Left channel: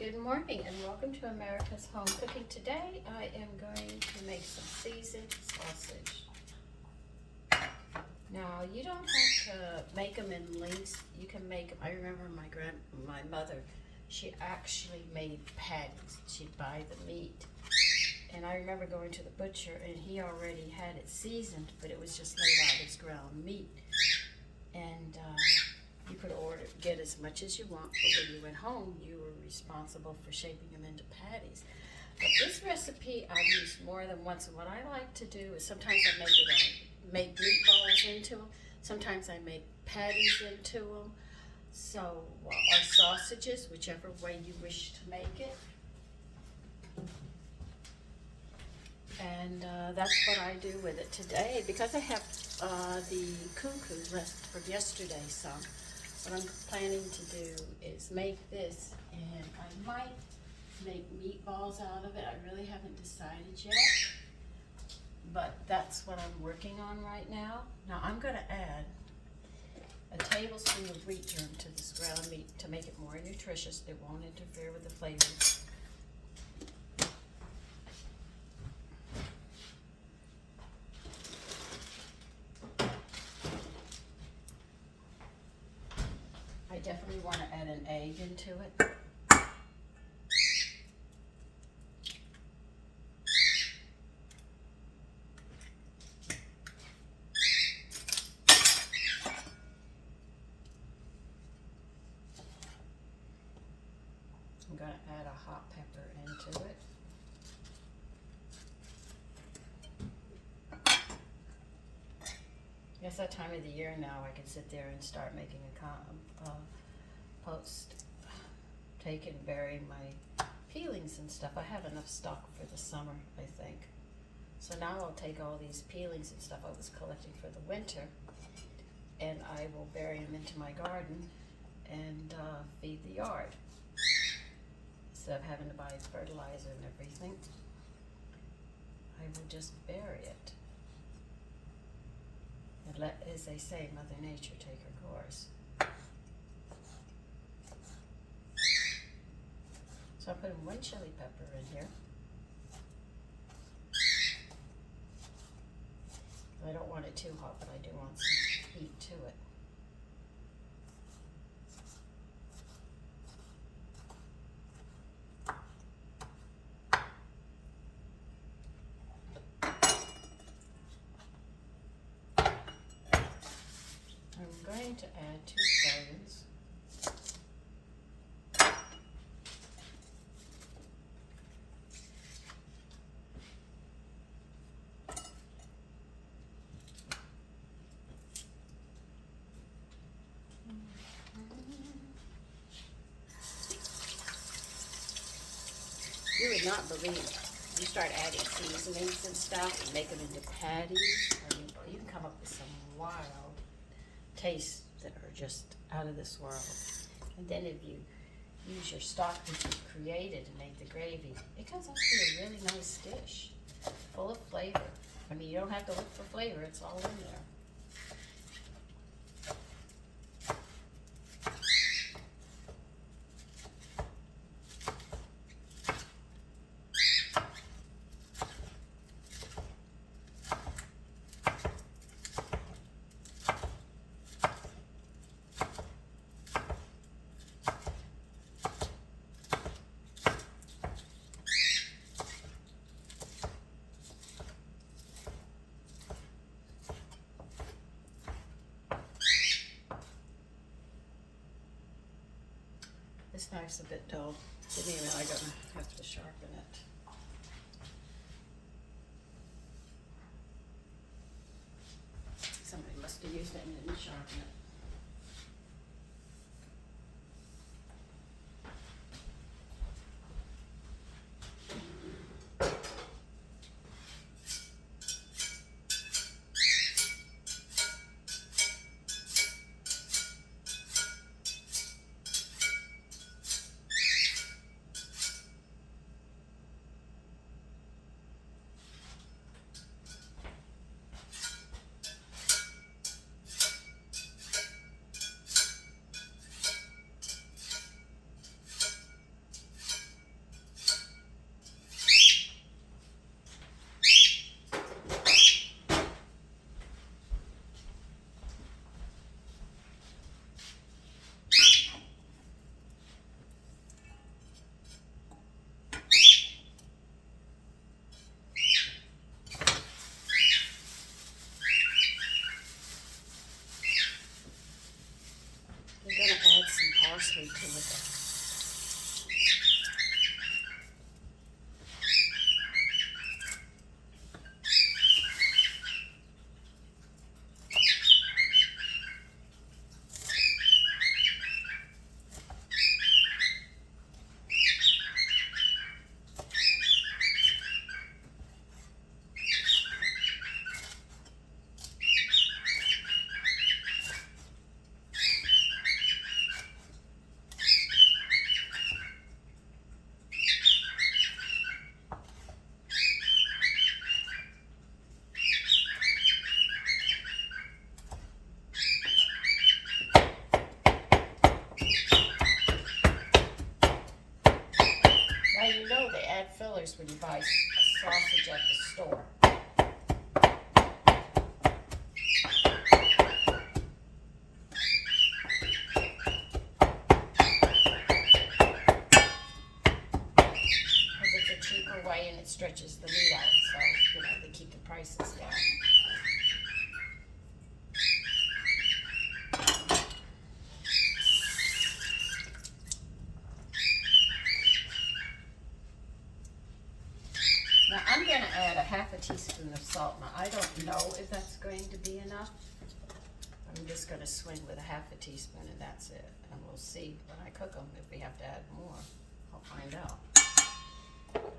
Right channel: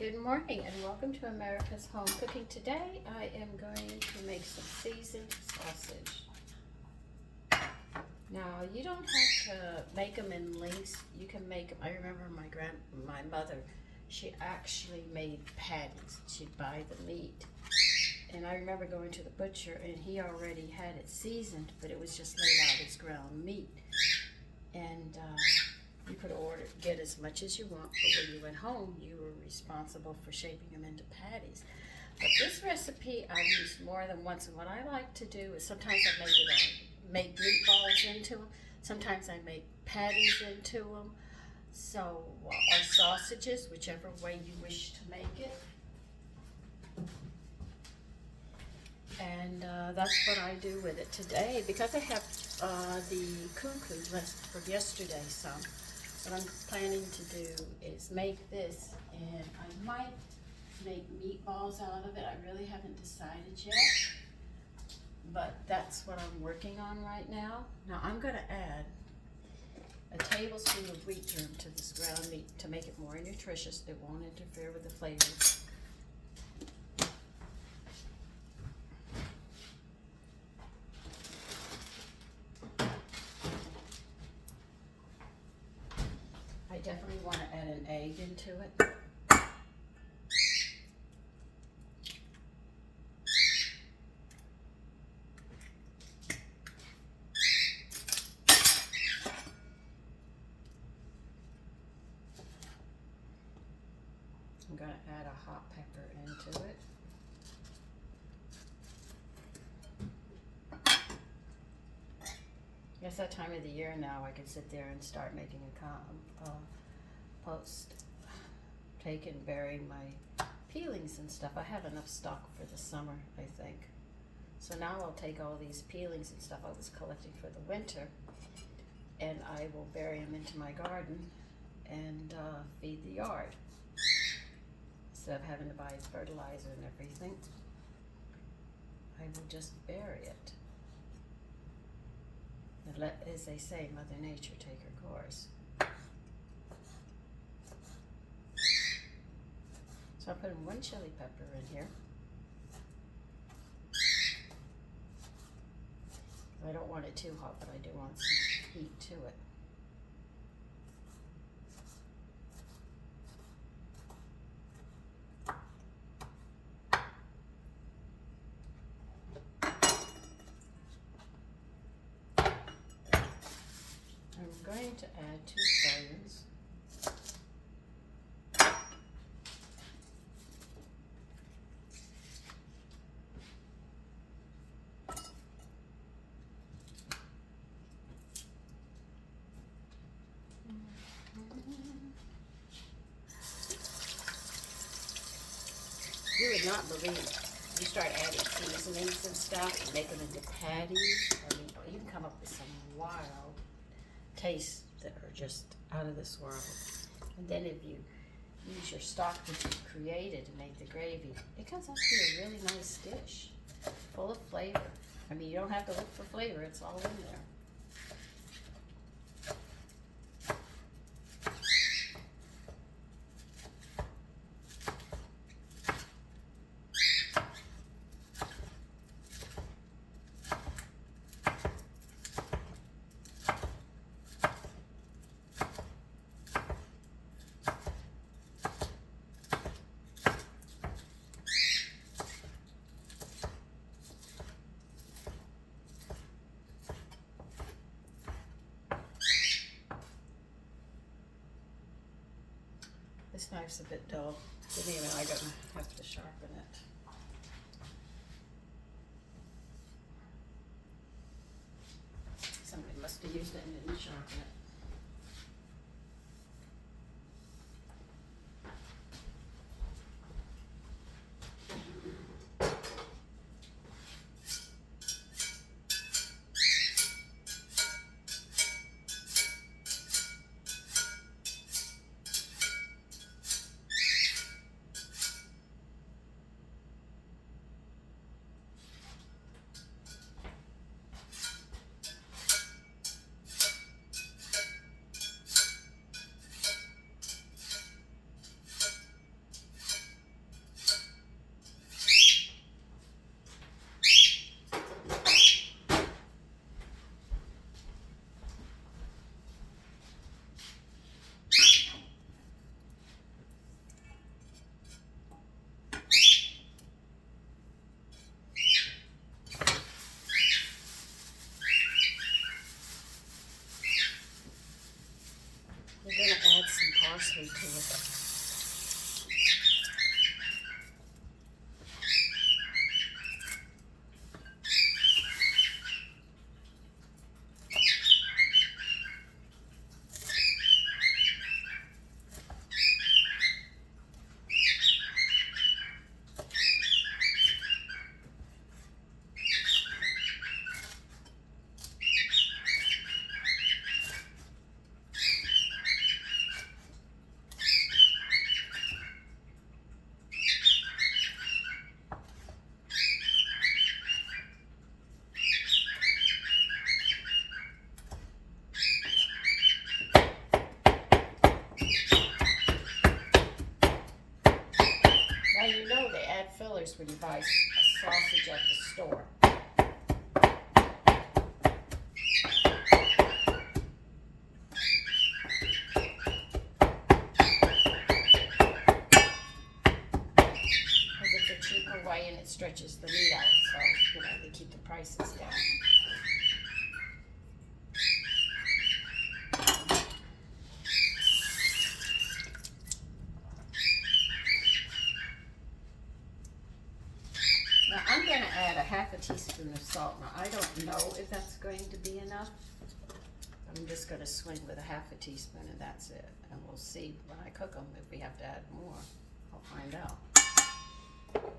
Good morning and welcome to America's Home Cooking. Today I am going to make some seasoned sausage. Now you don't have to make them in lengths. You can make them. I remember my mother, she actually made patties. She'd buy the meat. And I remember going to the butcher and he already had it seasoned, but it was just laid out as ground meat. And you could get as much as you want, but when you went home, you were responsible for shaping them into patties. But this recipe I've used more than once, and what I like to do is sometimes I make meatballs into them, sometimes I make patties into them, so, or sausages, whichever way you wish to make it. And that's what I do with it today, because I have the cuckoos left from yesterday some. What I'm planning to do is make this, and I might make meatballs out of it. I really haven't decided yet, but that's what I'm working on right now. Now I'm going to add a tablespoon of wheat germ to this ground meat to make it more nutritious. It won't interfere with the flavor. I definitely want to add an egg into it. I'm going to add a hot pepper into it. It's that time of the year now. I can sit there and start making a post. Take and bury my peelings and stuff. I have enough stock for the summer, I think. So now I'll take all these peelings and stuff I was collecting for the winter, and I will bury them into my garden and feed the yard. Instead of having to buy fertilizer and everything, I will just bury it. And let, as they say, Mother Nature take her course. So I'm putting one chili pepper in here. I don't want it too hot, but I do want some heat to it. I'm going to add 2 scallions. You would not believe it. You start adding seasonings and stuff and make them into patties. I mean, you can come up with some wild tastes that are just out of this world. And then if you use your stock that you've created and make the gravy, it comes up to be a really nice dish, full of flavor. I mean, you don't have to look for flavor, it's all in there. This knife's a bit dull. Give me a minute, I'm gonna have to sharpen it. Somebody must have used it and didn't sharpen it. Now you know they add fillers when you buy a sausage at the store. Because it's a cheaper way and it stretches the meat out, so you know they keep the prices down. Now I'm going to add a half a teaspoon of salt. Now I don't know if that's going to be enough. I'm just going to swing with a half a teaspoon and that's it. And we'll see when I cook them if we have to add more. I'll find out. Oh,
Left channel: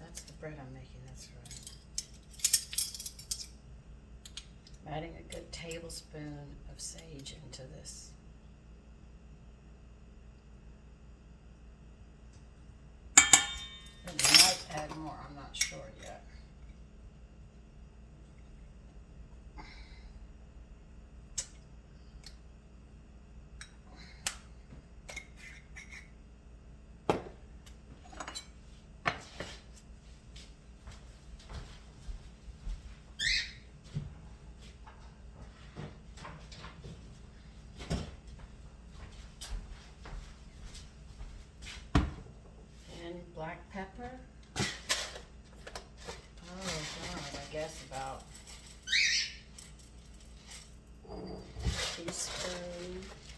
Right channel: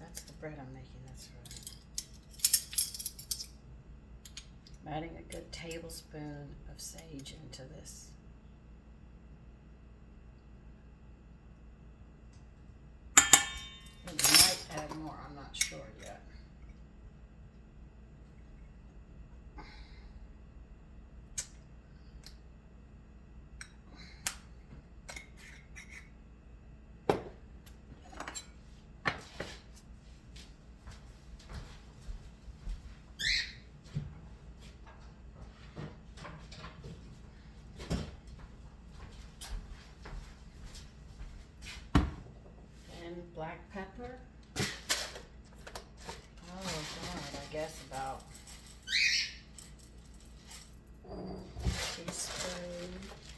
that's the bread I'm making, that's right. I'm adding a good tablespoon of sage into this. And we might add more, I'm not sure yet. Black pepper. Oh God, I guess about a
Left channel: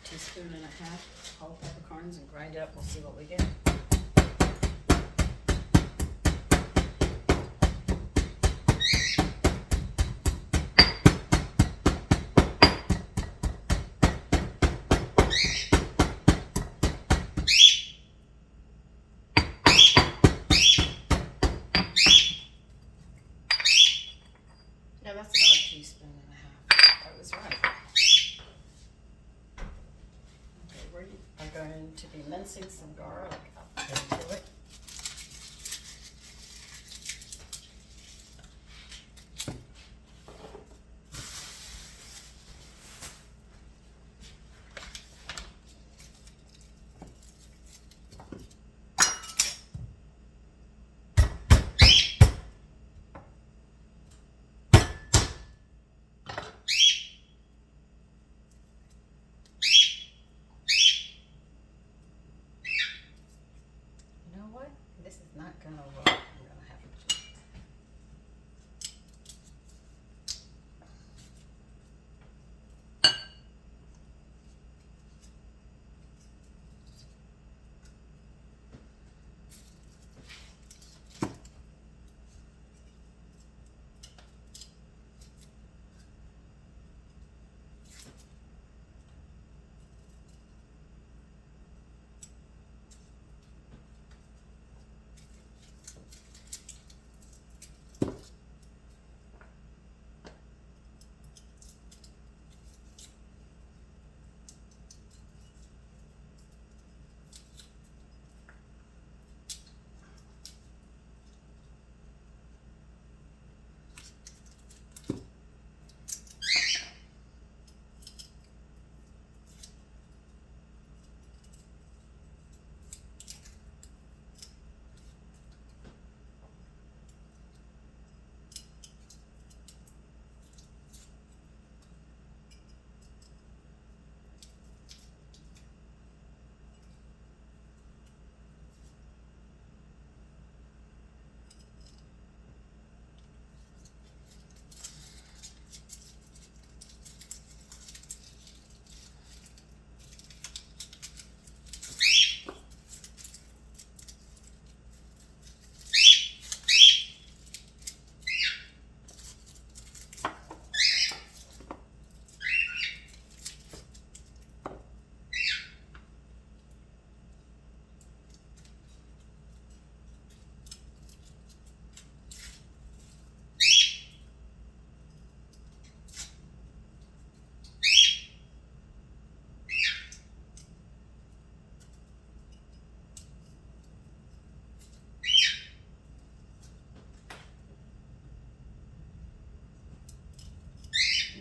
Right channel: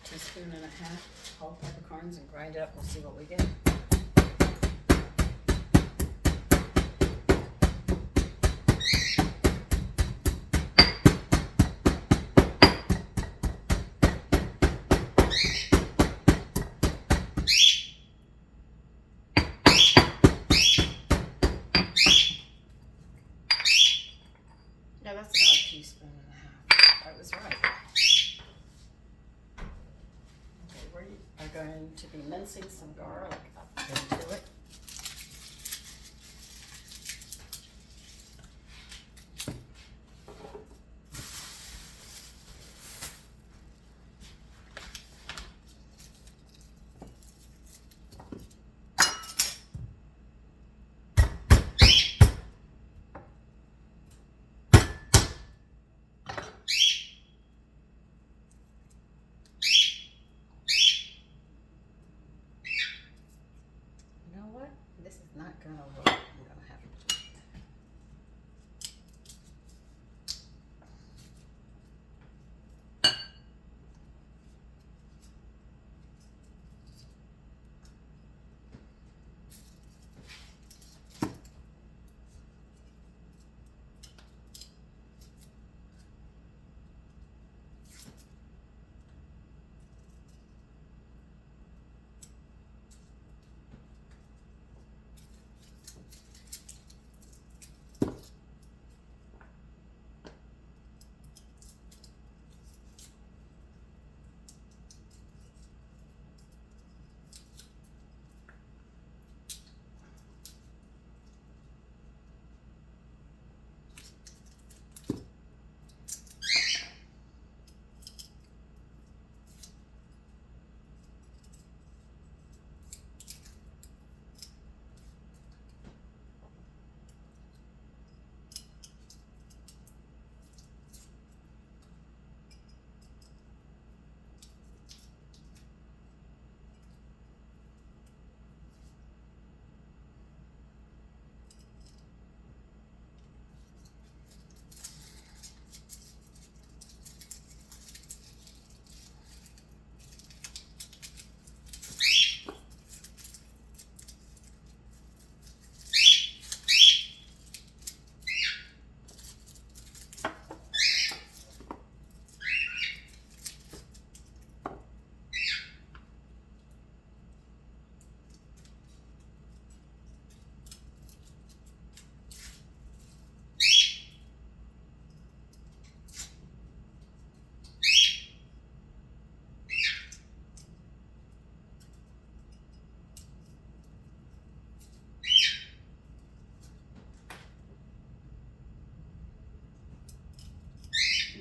teaspoon and a half whole peppercorns and grind it up. We'll see what we get. Yeah, that's about a teaspoon and a half. I was right. Okay, we are going to be mincing some garlic up into it.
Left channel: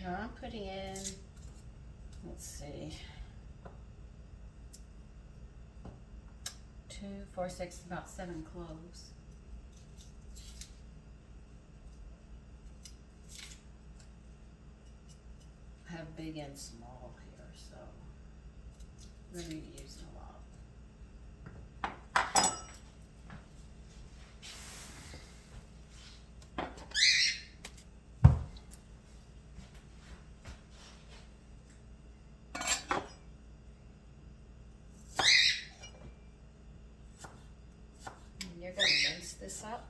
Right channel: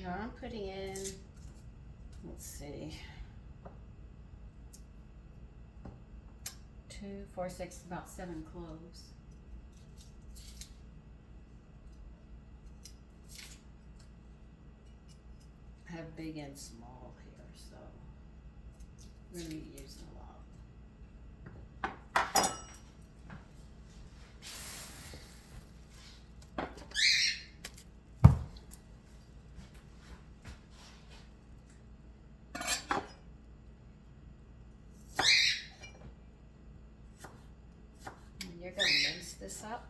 Now I'm putting in, let's see, 2, 4, 6, about 7 cloves. I have big and small here, so we're going to be using a lot. And you're going to mince this up.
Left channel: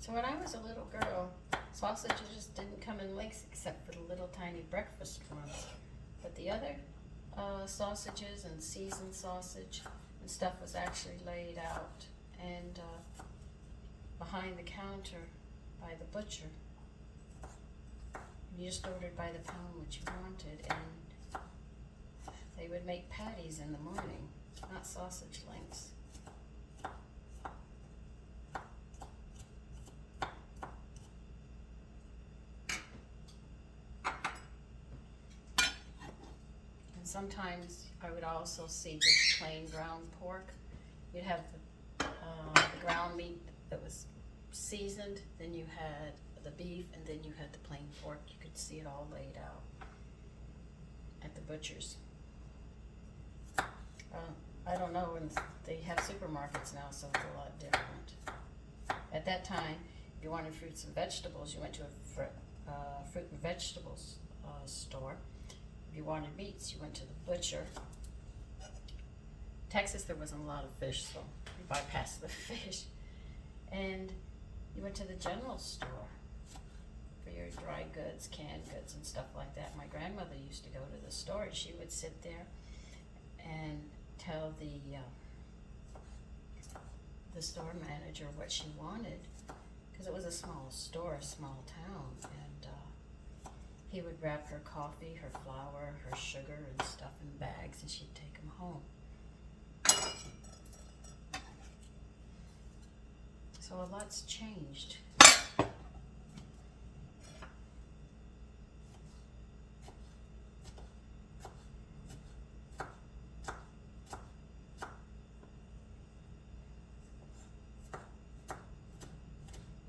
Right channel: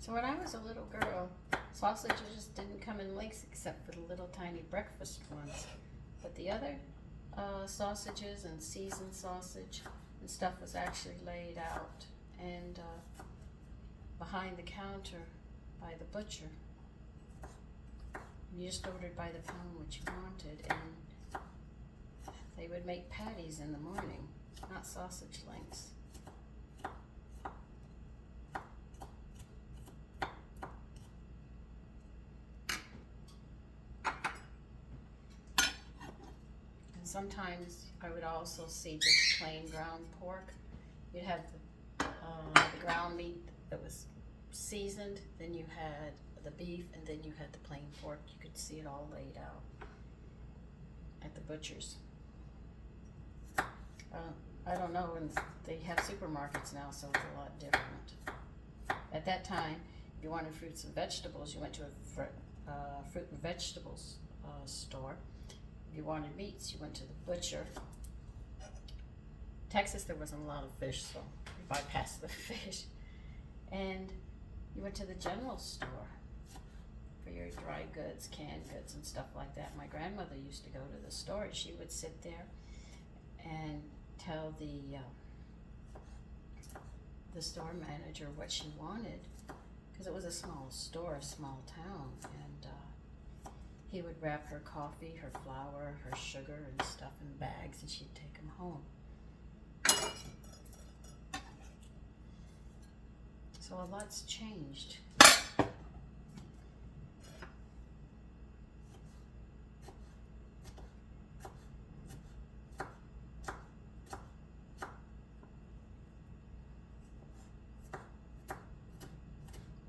So when I was a little girl, sausages just didn't come in links except for the little tiny breakfast ones. But the other sausages and seasoned sausage and stuff was actually laid out and behind the counter by the butcher. You just ordered by the pound what you wanted, and they would make patties in the morning, not sausage links. Sometimes I would also see just plain ground pork. You'd have the ground meat that was seasoned, then you had the beef, and then you had the plain pork. You could see it all laid out at the butcher's. I don't know, and they have supermarkets now, so it's a lot different. At that time, if you wanted fruits and vegetables, you went to a fruit and vegetables store. If you wanted meats, you went to the butcher. Texas, there wasn't a lot of fish, so you bypassed the fish. And you went to the general store for your dry goods, canned goods, and stuff like that. My grandmother used to go to the store, and she would sit there and tell the store manager what she wanted, because it was a small store, a small town, and he would wrap her coffee, her flour, her sugar, and stuff in bags, and she'd take them home. So a lot's changed.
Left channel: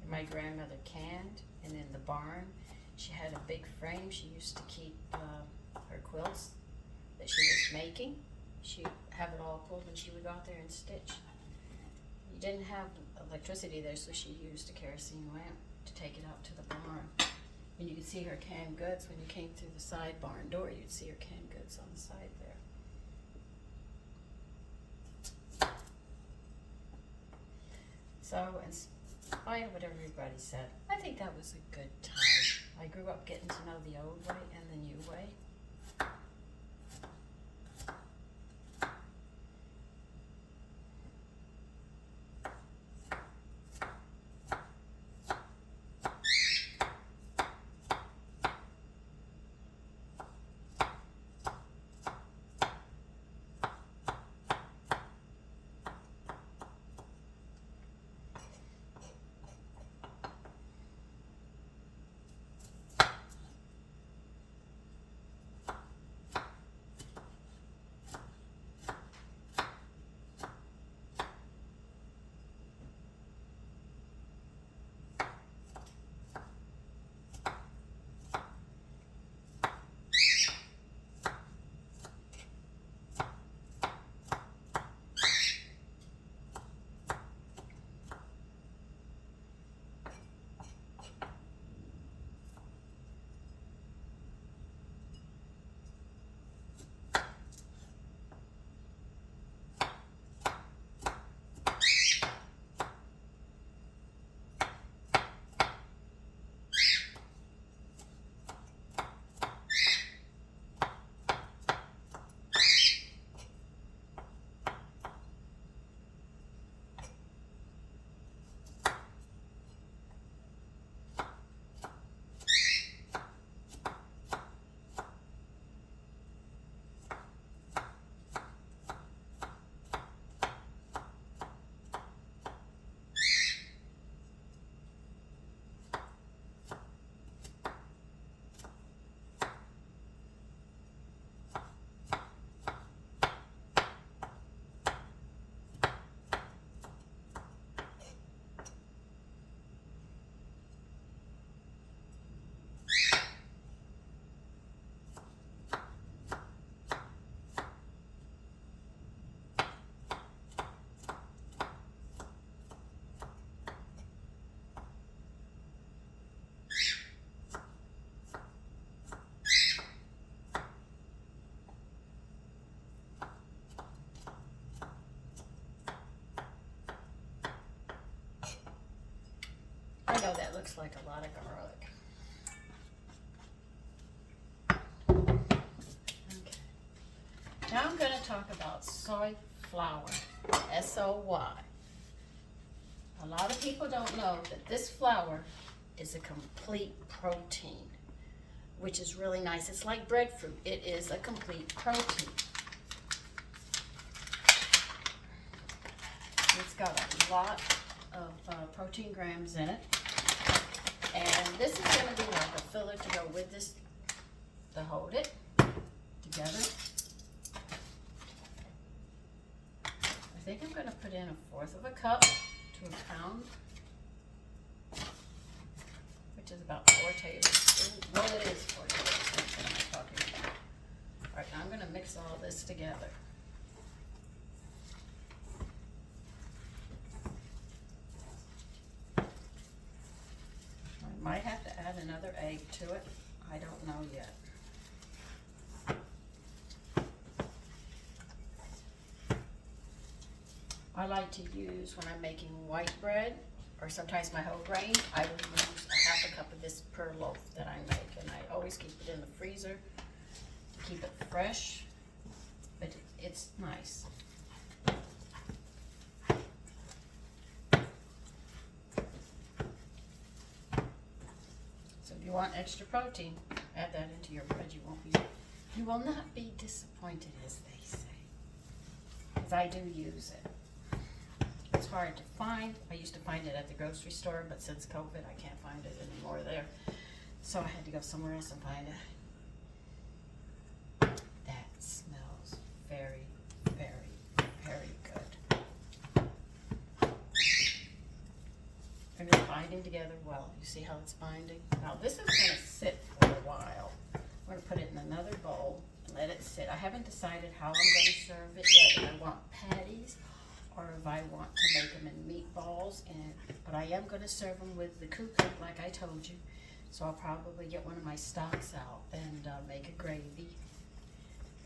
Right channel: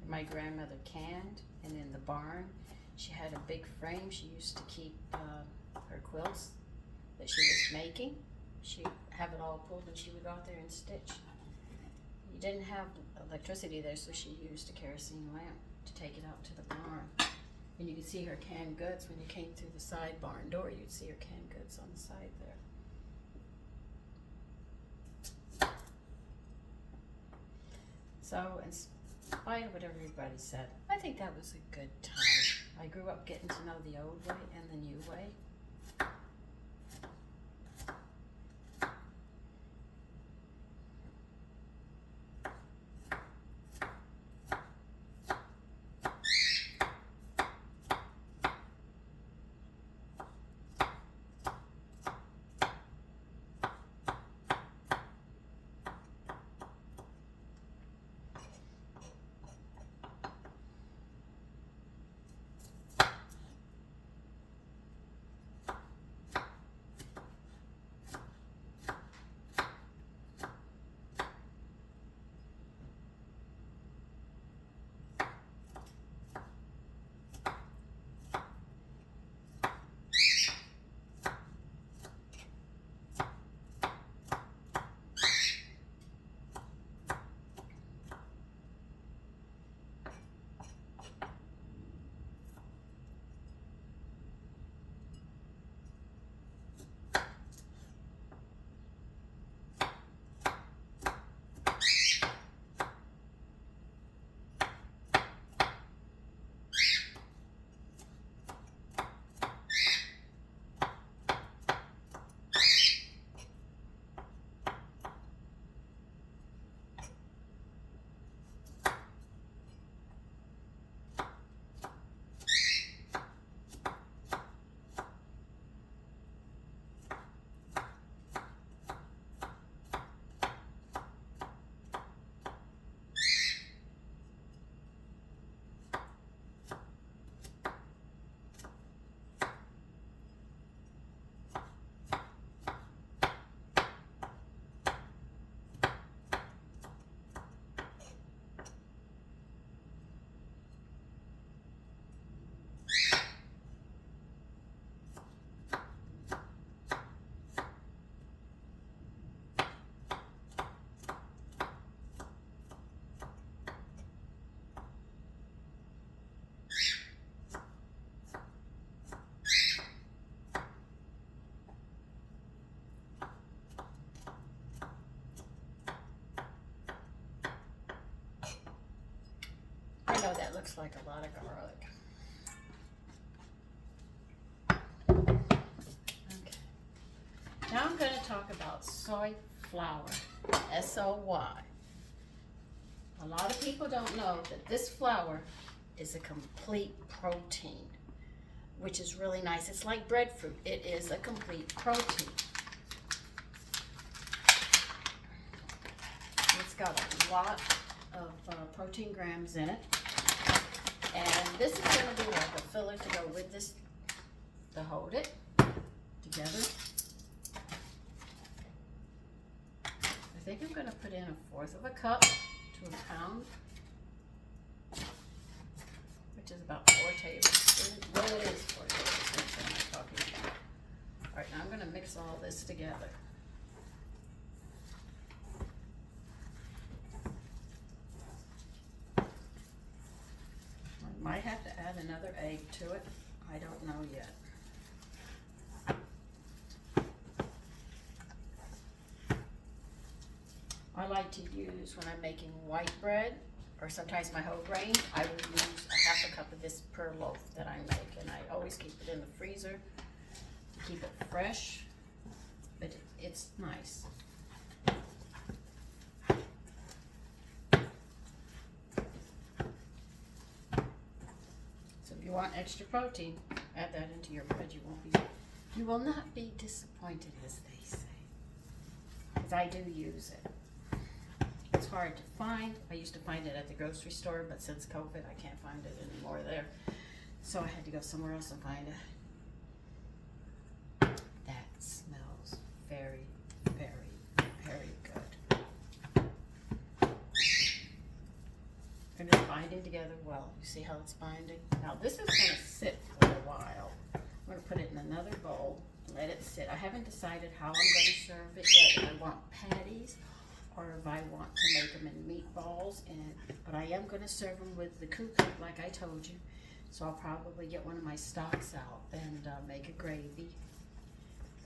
My grandmother canned, and in the barn, she had a big frame. She used to keep her quilts that she was making. She'd have it all pulled, and she would go out there and stitch. You didn't have electricity there, so she used a kerosene lamp to take it out to the barn. And you could see her canned goods when you came through the side barn door. You'd see her canned goods on the side there. So, in spite of what everybody said, I think that was a good time. I grew up getting to know the old way and the new way. looks like a lot of garlic. Okay. Now I'm going to talk about soy flour, S-O-Y. A lot of people don't know that this flour is a complete protein, which is really nice. It's like breadfruit. It is a complete protein. It's got a lot of protein grams in it. And this is going to be like a filler to go with this, to hold it together. I think I'm going to put in 1/4 of a cup to a pound, which is about 4 tablespoons. Well, it is 4 tablespoons that I'm talking about. All right, now I'm going to mix all this together. I might have to add another egg to it. I don't know yet. I like to use, when I'm making white bread, or sometimes my whole grain, I will use 1/2 cup of this per loaf that I make. And I always keep it in the freezer to keep it fresh, but it's nice. So if you want extra protein, add that into your bread. You will not be disappointed, as they say, because I do use it. It's hard to find. I used to find it at the grocery store, but since COVID, I can't find it anymore there. So I had to go somewhere else and find it. That smells very, very, very good. And it's binding together well. You see how it's binding? Now this is going to sit for a while. I'm going to put it in another bowl and let it sit. I haven't decided how I'm going to serve it yet. If I want patties, or if I want to make them in meatballs, but I am going to serve them with the cook like I told you. So I'll probably get one of my stocks out and make a gravy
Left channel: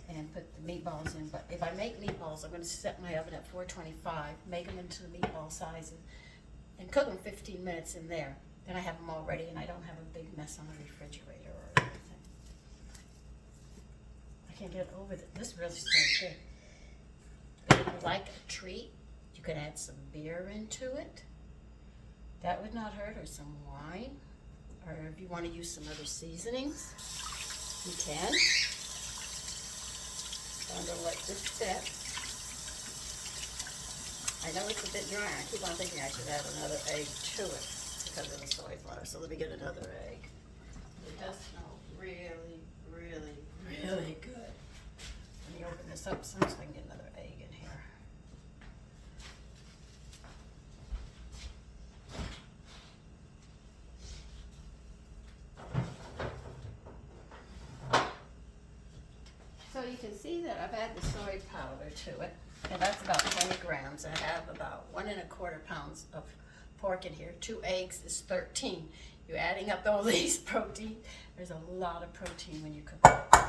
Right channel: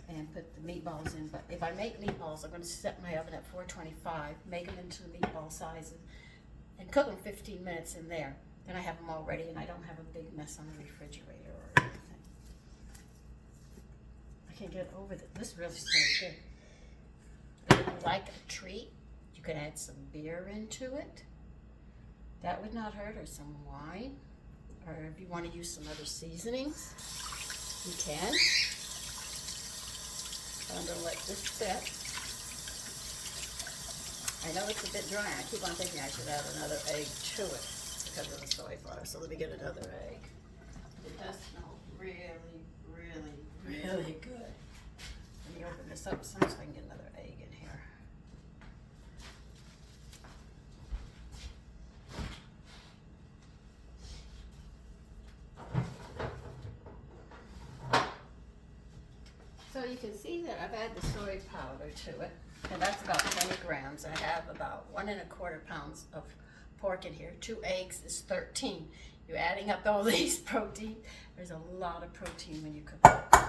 and put the meatballs in. But if I make meatballs, I'm going to set my oven at 425, make them into the meatball sizes, and cook them 15 minutes in there. Then I have them all ready, and I don't have a big mess on the refrigerator or anything. I can't get over that. This really smells good. But if you like a treat, you could add some beer into it. That would not hurt, or some wine. Or if you want to use some other seasonings, you can. So I'm going to let this sit. I know it's a bit dry. I keep on thinking I should add another egg to it because of the soy flour. So let me get another egg. It does smell really, really, really good. Let me open this up some so I can get another egg in here. So you can see that I've added the soy powder to it, and that's about 20 grams. I have about 1 1/4 pounds of pork in here. 2 eggs is 13. You're adding up all these protein. There's a lot of protein when you cook like this.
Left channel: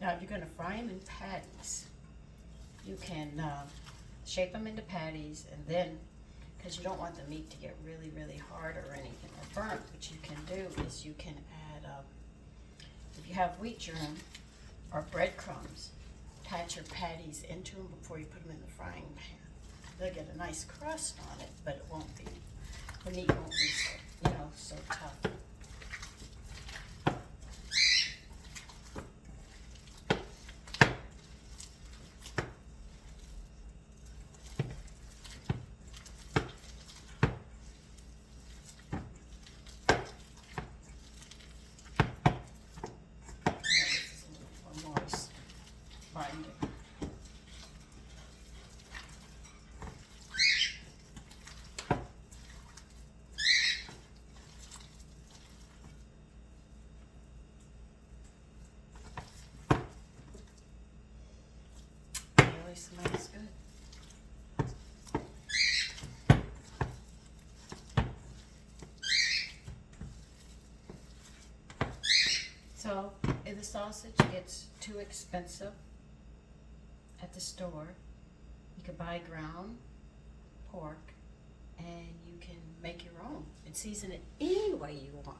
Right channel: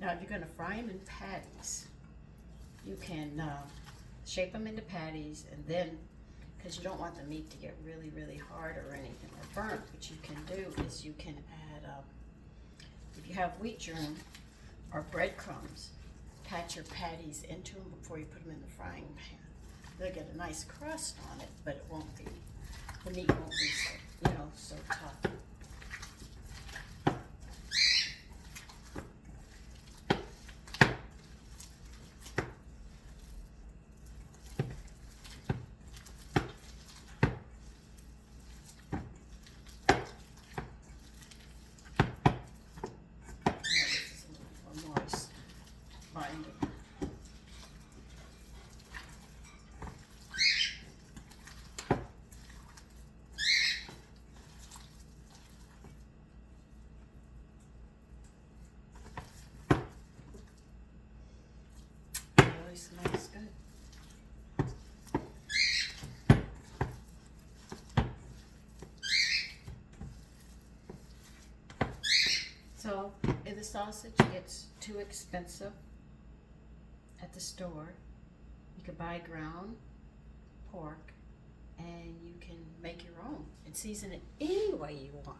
Now, if you're going to fry them in patties, you can shape them into patties, and then, because you don't want the meat to get really, really hard or anything or burnt, what you can do is you can add, if you have wheat germ or breadcrumbs, attach your patties into them before you put them in the frying pan. They'll get a nice crust on it, but it won't be, the meat won't be so, so tough. sausage gets too expensive at the store, you can buy ground pork and you can make your own and season it any way you want.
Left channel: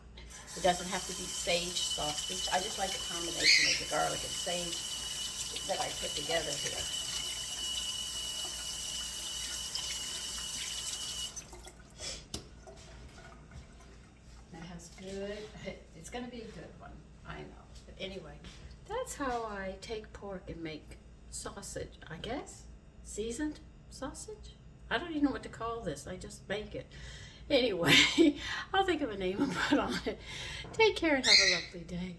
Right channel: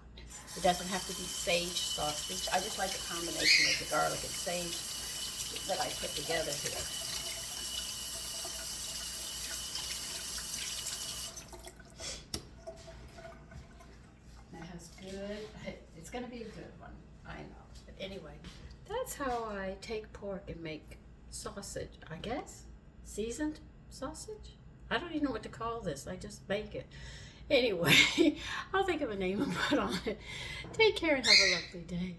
It doesn't have to be sage sausage. I just like the combination of the garlic and sage that I put together here. That has good, it's gonna be a good one, I know. But anyway, that's how I take pork and make sausage, I guess. Seasoned sausage? I don't even know what to call this. I just make it. Anyway, I'll think of a name and put on it. Take care and have a lovely day.